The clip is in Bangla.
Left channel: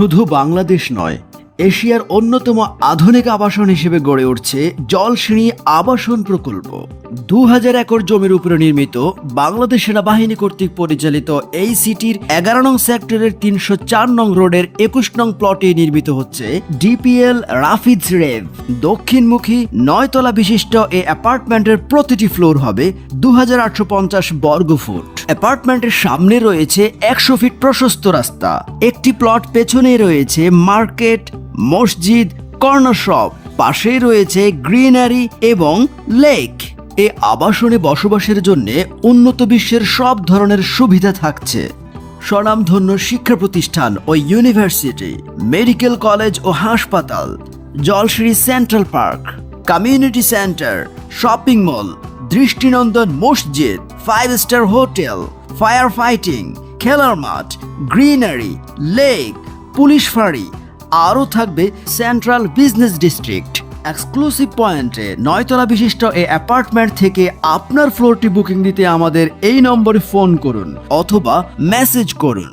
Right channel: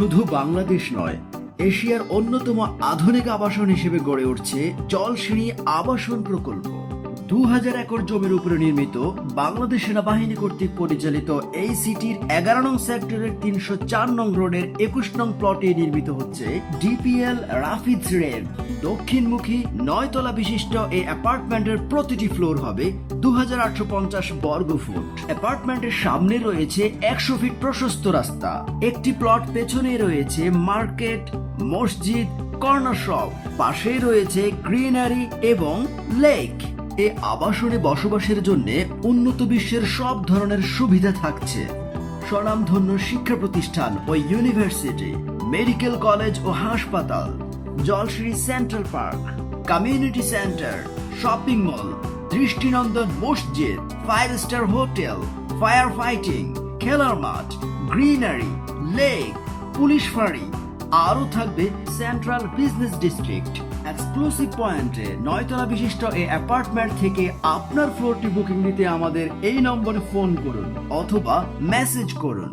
শুধু বাংলাদেশ নয়, এশিয়ার অন্যতম আধুনিক আবাসন হিসেবে গড়ে উঠছে জলশিরি আবাসন প্রকল্প। 2000 একর জমির উপরে নির্মিত বাংলাদেশ সেনাবাহিনী কর্তৃক পরিচালিত এই সিটির 11 নং সেক্টরের 304 নং রোডের 21 নং প্লটে নির্মিত হচ্ছে ডিপিএল রাফিজ রেভ। দক্ষিণমুখী 9 তলা বিশিষ্ট এই অ্যাপার্টমেন্টের প্রতিটি ফ্লোর হবে 2850 বর্গফুট। অ্যাপার্টমেন্টের সামনে রয়েছে 100 ফিট প্রশস্ত রাস্তা। একটি প্লট পেছনে রয়েছে মার্কেট, মসজিদ, কর্নার শপ, পাশেই রয়েছে গ্রিনারি এবং লেক। এই আবাসনে বসবাসের জন্য উন্নত বিশ্বের সব ধরনের সুবিধা থাকছে। স্বনামধন্য শিক্ষা প্রতিষ্ঠান ও ইউনিভার্সিটি, মেডিকেল কলেজ ও হাসপাতাল, Jolshiri central park, community centre, shopping mall, দৃষ্টিনন্দন মসজিদ, 5 স্টার হোটেল, ফায়ার ফাইটিং, খেলার মাঠ, গ্রিনারি, লেক, পুলিশ ফাঁড়ি, আরও থাকবে সেন্ট্রাল বিজনেস ডিস্ট্রিক্ট। এক্সক্লুসিভ পয়েন্টে 9 তলা বিশিষ্ট এই অ্যাপার্টমেন্ট থেকে আপনার ফ্লোরটি বুকিং দিতে আমাদের এই নম্বরে ফোন করুন অথবা মেসেজ করুন।